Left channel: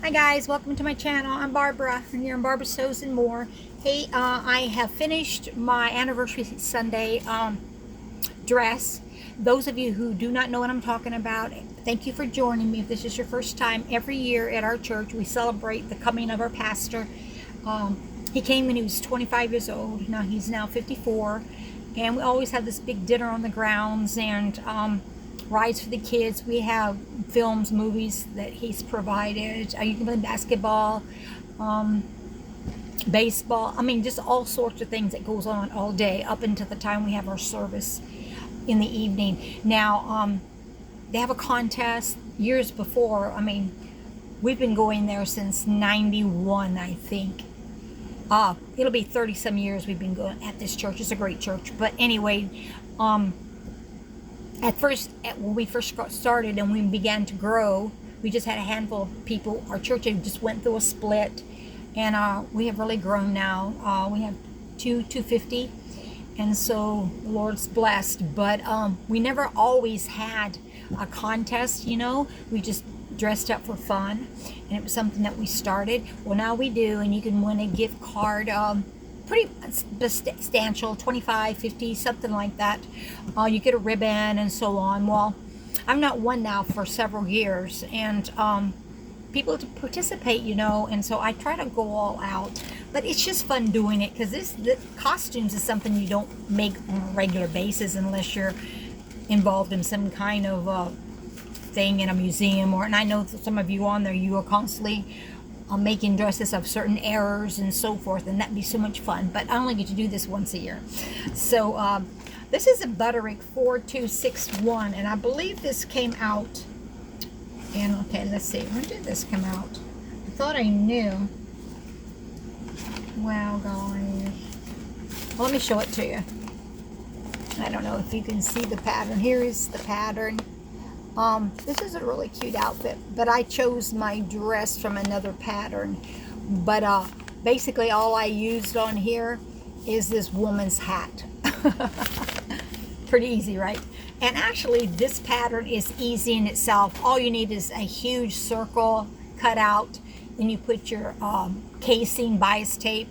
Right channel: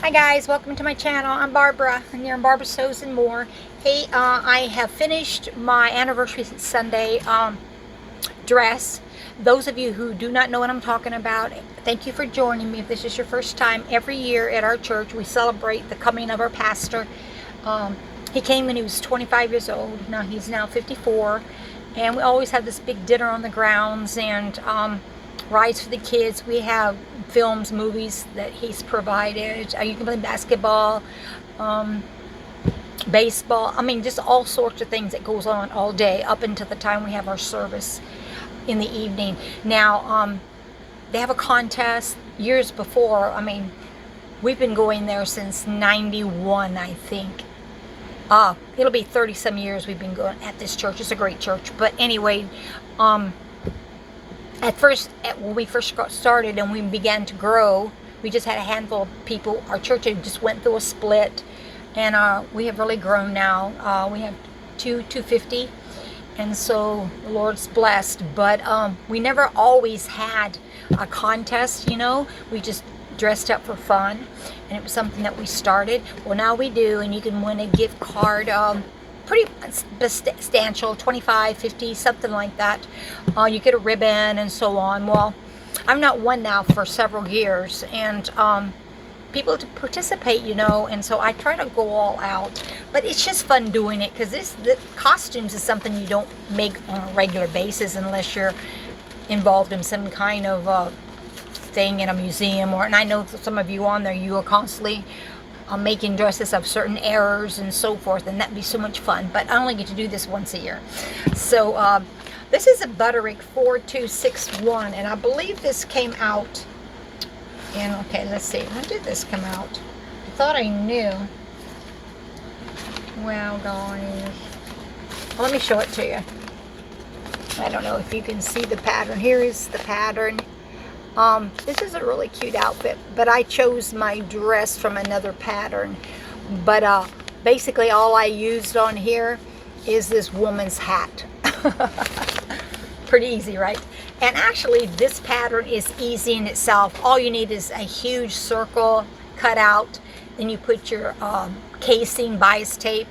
Hi guys, welcome to my channel. I'm Barbara, and you're on Barbara Sews and More. Hey, I have finished my anniversary Sunday dress. Those of you who do not know what I'm talking about, thank you for joining me. If this is your first time, every year at our church we celebrate the coming of our pastor. He came when he was 25 years old. Now he's now 54, and we always have this big dinner on the grounds and rides for the kids. We have films, movies that he's provided. You can play basketball, baseball. I mean, just all sorts of things that goes on all day up until the time we have our service in the evening. Now, they have a contest years before. I mean, we've been going there since 91, I think. It'll be 30 some years we've been going at this church. It's a great church. But anyway, when we first got started and we began to grow, we just had a handful of people. Our church just went through a split, and we have really grown now. We have 250, and so the Lord's blessed. But we never always had a contest, We just dressed up for fun, and it was something that we started. Well, now we do, and you can win a gift card. Pretty substantial, 25, 50, something like that. You get a ribbon and so on. Well, I've not won now for several years, and people to participate, and so I try to go all out. But it's just fun doing it, because the costumes is something you don't make on a regular basis unless you're involved in some kind of thing in a museum, and I know some of you on there, you are constantly making dresses of certain errors and so forth, and that'd be so much fun. But I only get to do this once a year. So this is a Butterick 4261, and I believe this came out in, okay, let's see, when did this come out? I thought I knew. Wow, guys. Well, let me show it to you. I don't know if you can see the pattern. Here is the pattern. This is a really cute outfit, but I chose my dress from another pattern. But basically all I used on here is this woman's hat. Pretty easy, right? And actually this pattern is easy in itself. All you need is a huge circle cut out. Then you put your casing, bias tape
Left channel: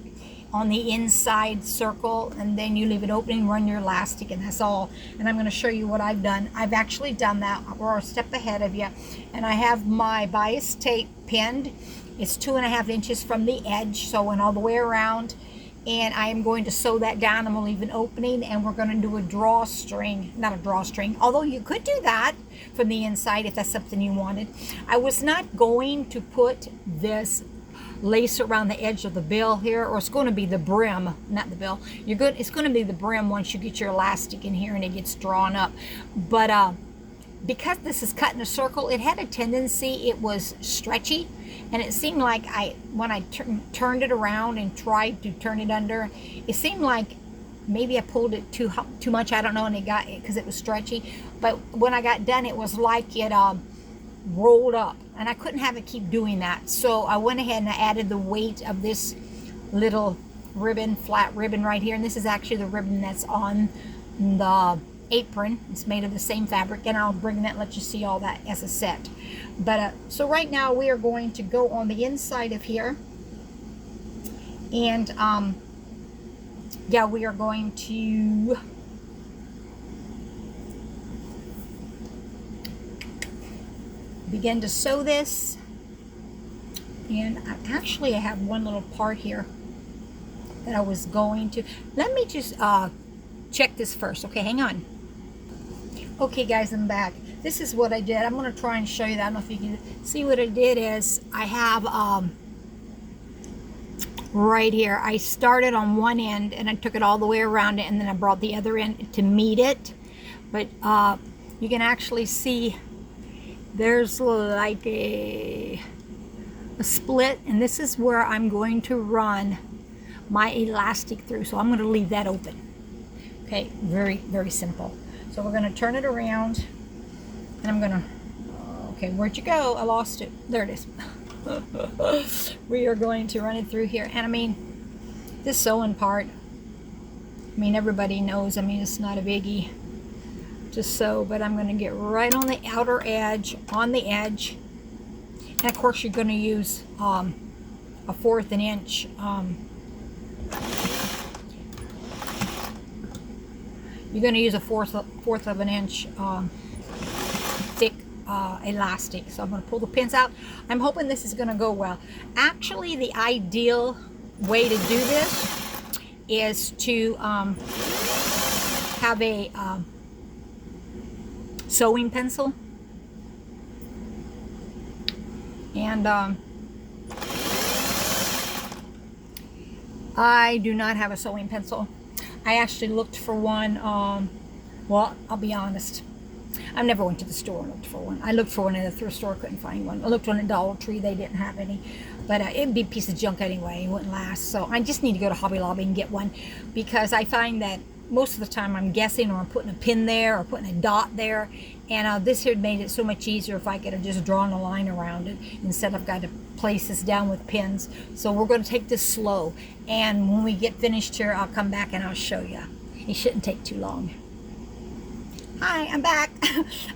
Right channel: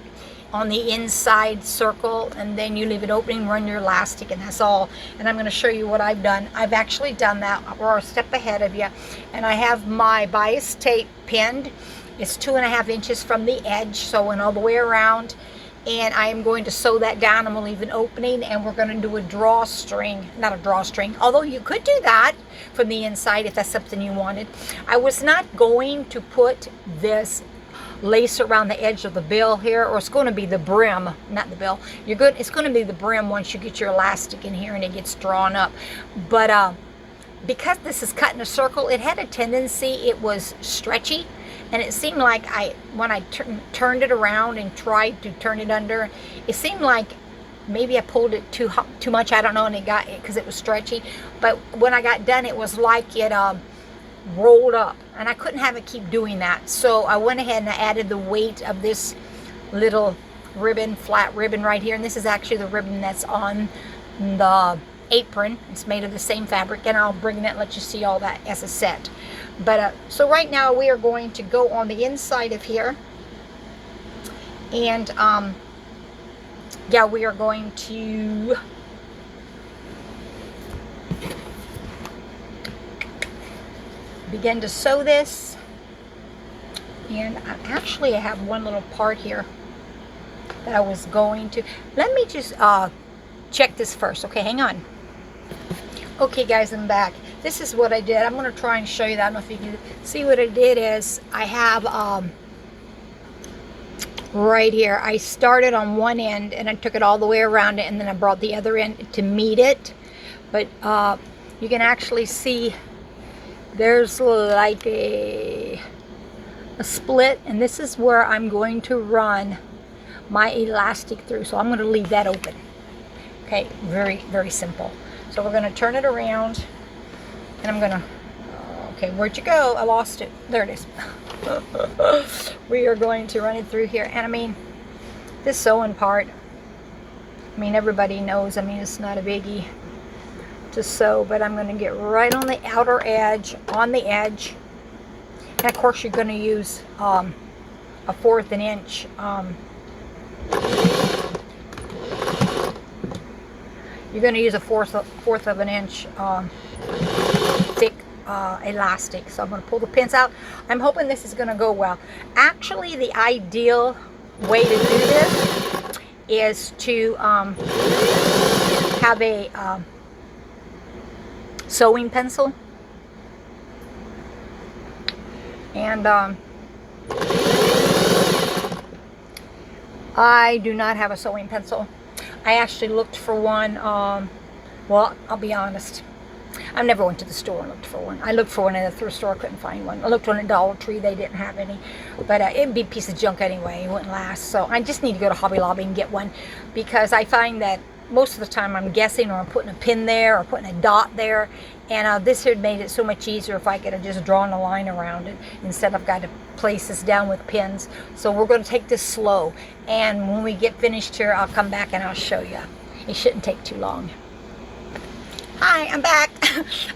on the inside circle, and then you leave it open and run your elastic, and that's all. And I'm going to show you what I've done. I've actually done that. We're a step ahead of you. And I have my bias tape pinned. It's 2.5 inches from the edge, so I went all the way around, and I am going to sew that down. I'm going to leave an opening, and we're going to do a drawstring. Not a drawstring, although you could do that from the inside if that's something you wanted. I was not going to put this lace around the edge of the bill here, or it's going to be the brim, not the bill. It's going to be the brim once you get your elastic in here and it gets drawn up. But because this is cut in a circle, it had a tendency, it was stretchy, and it seemed like when I turned it around and tried to turn it under, it seemed like maybe I pulled it too much, I don't know, and it got, because it was stretchy. But when I got done, it was like it rolled up, and I couldn't have it keep doing that. So I went ahead and I added the weight of this little ribbon, flat ribbon right here, and this is actually the ribbon that's on the apron. It's made of the same fabric, and I'll bring that and let you see all that as a set. But so right now we are going to go on the inside of here, and yeah, we are going to begin to sew this. And I have one little part here that I was going to, let me just check this first. Okay, hang on. Okay guys, I'm back. This is what I did. I'm going to try and show you that. I don't know if you can see. What I did is I have right here, I started on one end and I took it all the way around it, and then I brought the other end to meet it. But you can actually see there's like a split, and this is where I'm going to run my elastic through. So I'm going to leave that open. Okay, very, very simple. So we're going to turn it around, and I'm going to, okay, where'd you go? I lost it. There it is. We are going to run it through here. And I mean, this sewing part, I mean, everybody knows, I mean, it's not a biggie to sew, but I'm going to get right on the outer edge, on the edge, And of course you're going to use a 1/4 of an inch you're going to use a fourth of an inch thick elastic. So I'm going to pull the pins out. I'm hoping this is going to go well. Actually, the ideal way to do this is to have a sewing pencil, and I do not have a sewing pencil. I actually looked for one, well, I'll be honest, I never went to the store and looked for one. I looked for one at a thrift store, couldn't find one. I looked for one at Dollar Tree, they didn't have any. But it'd be a piece of junk anyway, it wouldn't last. So I just need to go to Hobby Lobby and get one, because I find that most of the time I'm guessing, or I'm putting a pin there, or putting a dot there. And this here made it so much easier if I could have just drawn a line around it, instead I've got to place this down with pins. So we're going to take this slow, and when we get finished here, I'll come back and I'll show you. It shouldn't take too long. Hi, I'm back.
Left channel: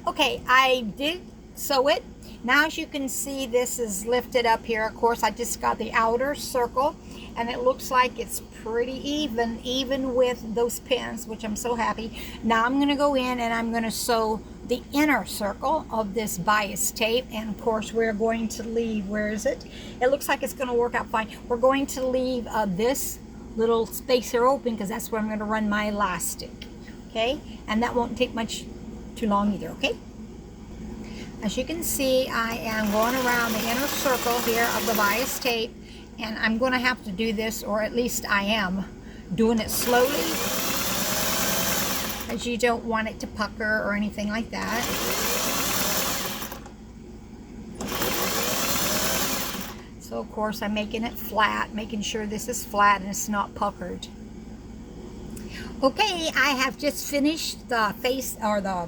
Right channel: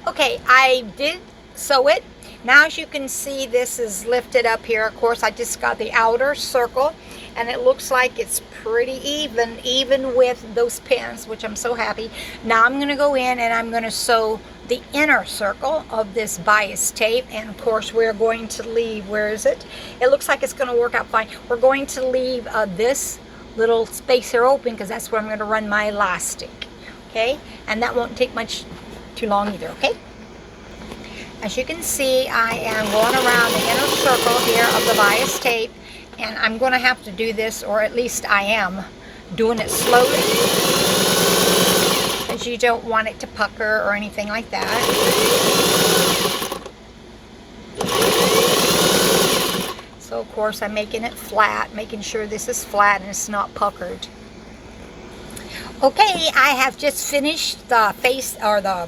Okay, I did sew it. Now, as you can see, this is lifted up here. Of course, I just got the outer circle, and it looks like it's pretty even with those pins, which I'm so happy. Now I'm going to go in and I'm going to sew the inner circle of this bias tape, and of course we're going to leave, where is it? It looks like it's going to work out fine. We're going to leave this little space here open, because that's where I'm going to run my elastic. Okay, and that won't take much too long either. Okay, as you can see, I am going around the inner circle here of the bias tape, and I'm going to have to do this, or at least I am doing it slowly, because you don't want it to pucker or anything like that. So of course I'm making it flat, making sure this is flat and it's not puckered. Okay, I have just finished the face, or the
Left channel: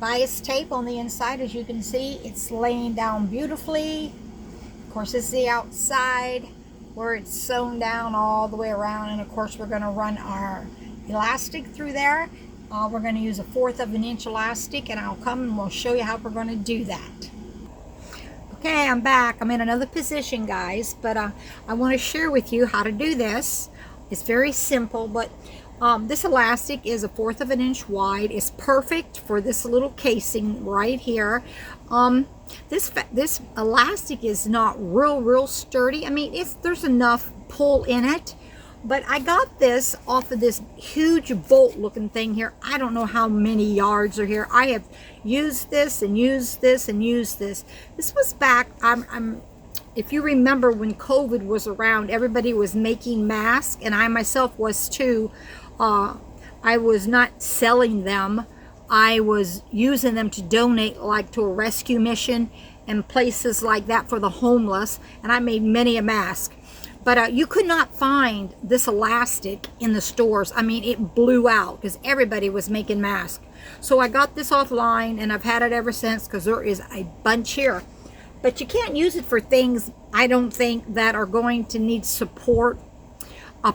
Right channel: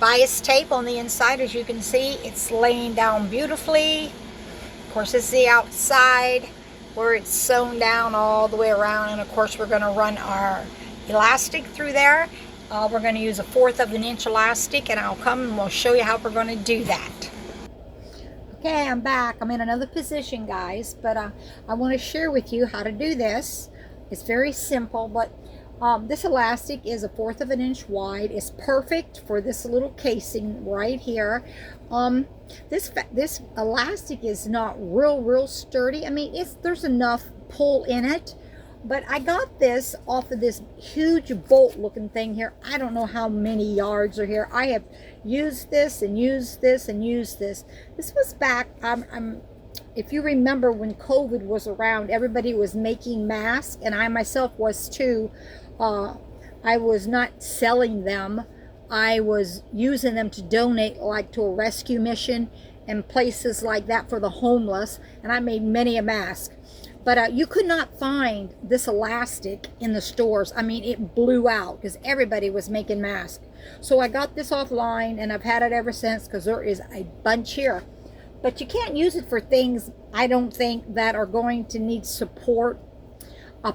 bias tape on the inside. As you can see, it's laying down beautifully. Of course, this is the outside where it's sewn down all the way around, and of course we're going to run our elastic through there. We're going to use a 1/4 of an inch elastic, and I'll come and we'll show you how we're going to do that. Okay, I'm back. I'm in another position, guys, but I want to share with you how to do this. It's very simple, but this elastic is a 1/4 of an inch wide. It's perfect for this little casing right here. This elastic is not real sturdy. I mean, there's enough pull in it, but I got this off of this huge bolt looking thing here. I don't know how many yards are here. I have used this and used this and used this. This was back, if you remember, when COVID was around, everybody was making masks, and I myself was too. I was not selling them. I was using them to donate, like to a rescue mission and places like that for the homeless, and I made many a mask. But you could not find this elastic in the stores. I mean, it blew out because everybody was making masks. So I got this offline, and I've had it ever since, because there is a bunch here. But you can't use it for things, I don't think, that are going to need support.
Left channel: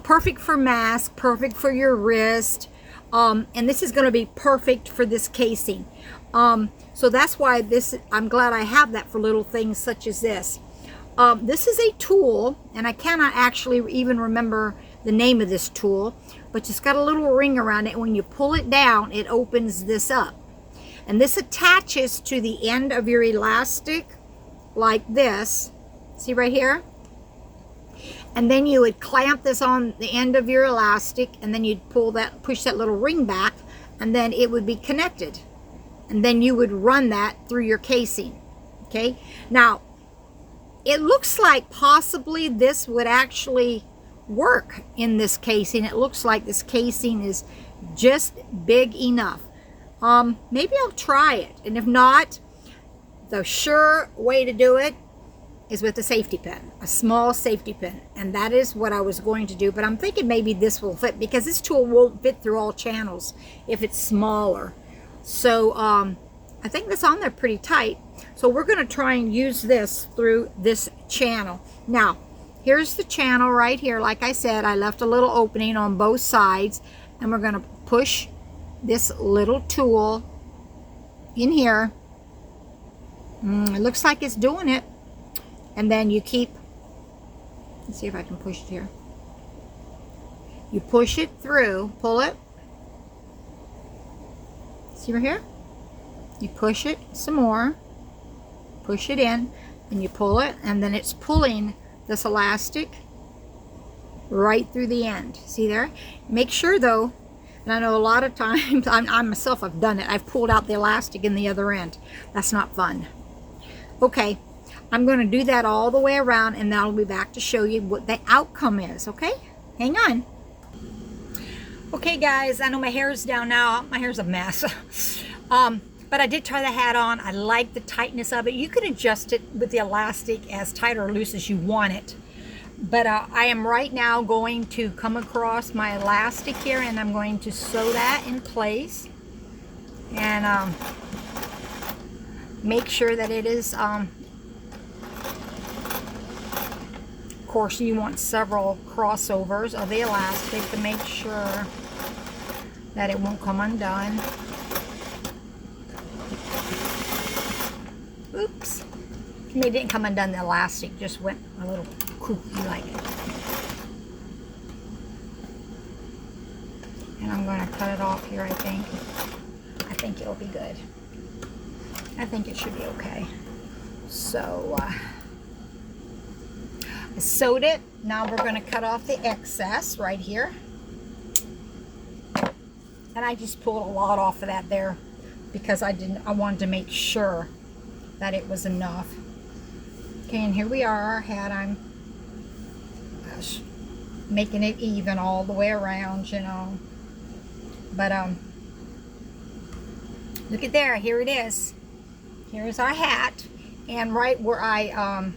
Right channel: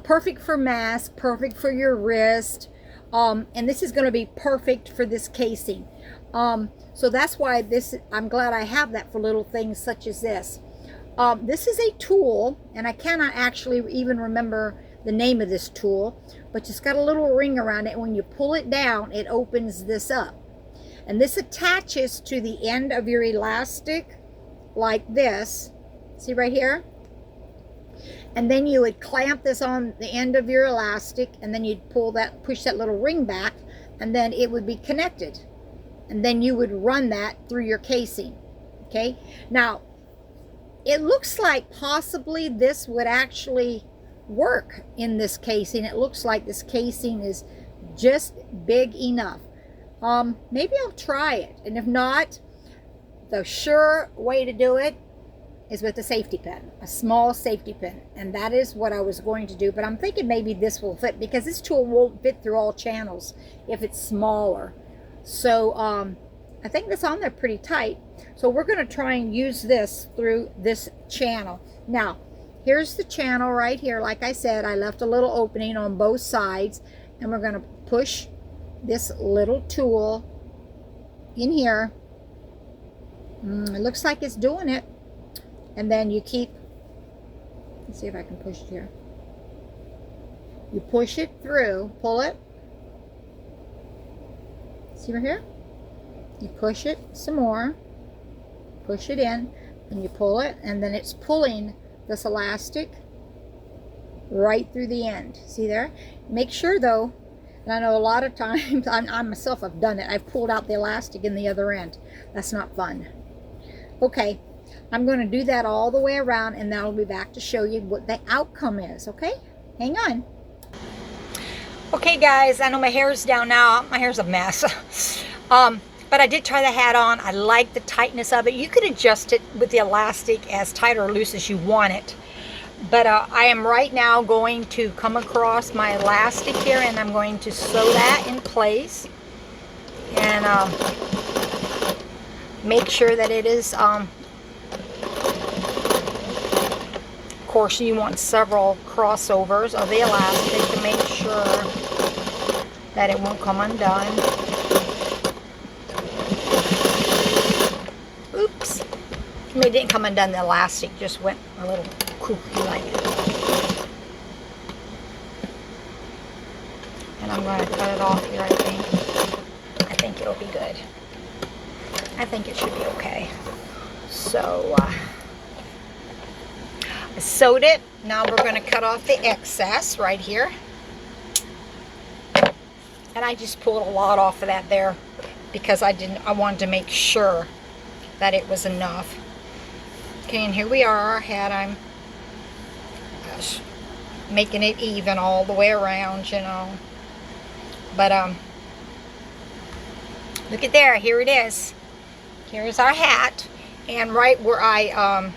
Perfect for mask, perfect for your wrist, and this is going to be perfect for this casing. So that's why I'm glad I have that for little things such as this. This is a tool, and I cannot actually even remember the name of this tool, but it's got a little ring around it. When you pull it down, it opens this up, and this attaches to the end of your elastic like this. See right here? And then you would clamp this on the end of your elastic, and then you'd push that little ring back, and then it would be connected. And then you would run that through your casing. Okay? Now, it looks like possibly this would actually work in this casing. It looks like this casing is just big enough. Maybe I'll try it. And if not, the sure way to do it is with a safety pin, a small safety pin, and that is what I was going to do. But I'm thinking maybe this will fit, because this tool won't fit through all channels if it's smaller. So I think that's on there pretty tight. So we're going to try and use this through this channel. Now, here's the channel right here. Like I said, I left a little opening on both sides, and we're going to push this little tool in here. It looks like it's doing it. And then you keep, let's see if I can push it here. You push it through, pull it. See right here? You push it some more, push it in, and you pull it, and then it's pulling this elastic right through the end. See there? Make sure though, and I know a lot of times, I myself have done it, I've pulled out the elastic in the other end. That's not fun. Okay, I'm going to do that all the way around, and then I'll be back to show you what the outcome is, okay? Hang on. Okay guys, I know my hair's down now. My hair's a mess. But I did try the hat on. I like the tightness of it. You could adjust it with the elastic as tight or loose as you want it. But I am right now going to come across my elastic here, and I'm going to sew that in place. And make sure that it is, of course you want several crossovers of the elastic to make sure that it won't come undone. Oops. I mean, it didn't come undone, the elastic just went a little kooky like it. And I'm going to cut it off here, I think. I think it'll be good. I think it should be okay. So, I sewed it. Now we're going to cut off the excess right here. And I just pulled a lot off of that there because I wanted to make sure that it was enough. Okay, and here we are, our hat. I'm making it even all the way around, you know. But look at there, here it is. Here's our hat, and right where I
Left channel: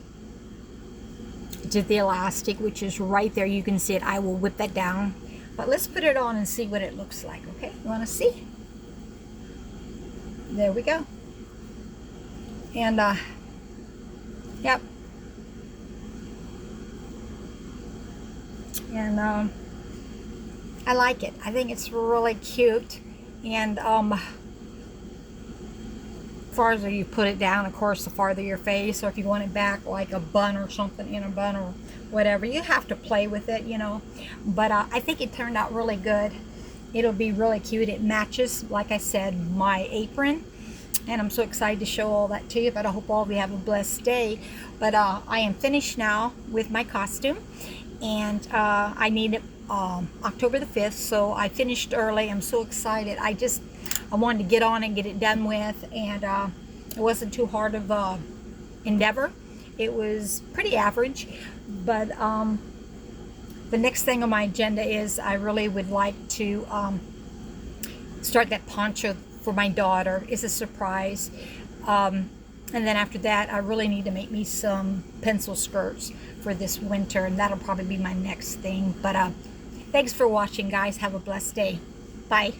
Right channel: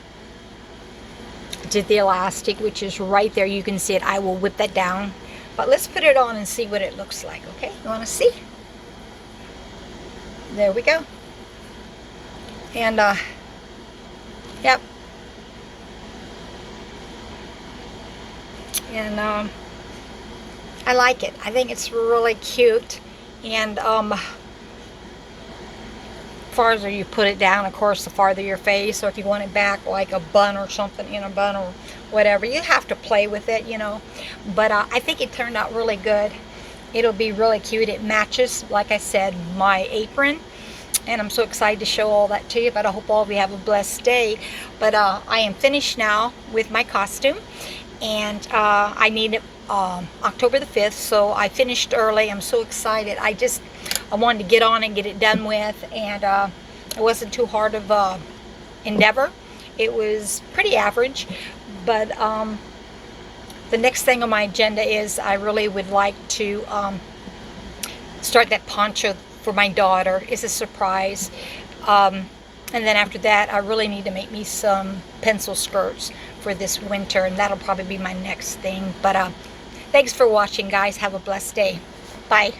did the elastic, which is right there, you can see it. I will whip that down, but let's put it on and see what it looks like. Okay, you want to see? There we go. And yep. And I like it. I think it's really cute. And farther you put it down, of course, the farther your face, or if you want it back like a bun or something, in a bun or whatever, you have to play with it, you know. But I think it turned out really good. It'll be really cute. It matches, like I said, my apron. And I'm so excited to show all that to you. But I hope all of you have a blessed day. But I am finished now with my costume. And I need it October the 5th. So I finished early. I'm so excited. I wanted to get on and get it done with. And it wasn't too hard of a endeavor. It was pretty average. But the next thing on my agenda is I really would like to start that poncho for my daughter. It's a surprise. And then after that, I really need to make me some pencil skirts for this winter, and that'll probably be my next thing. But thanks for watching, guys. Have a blessed day. Bye.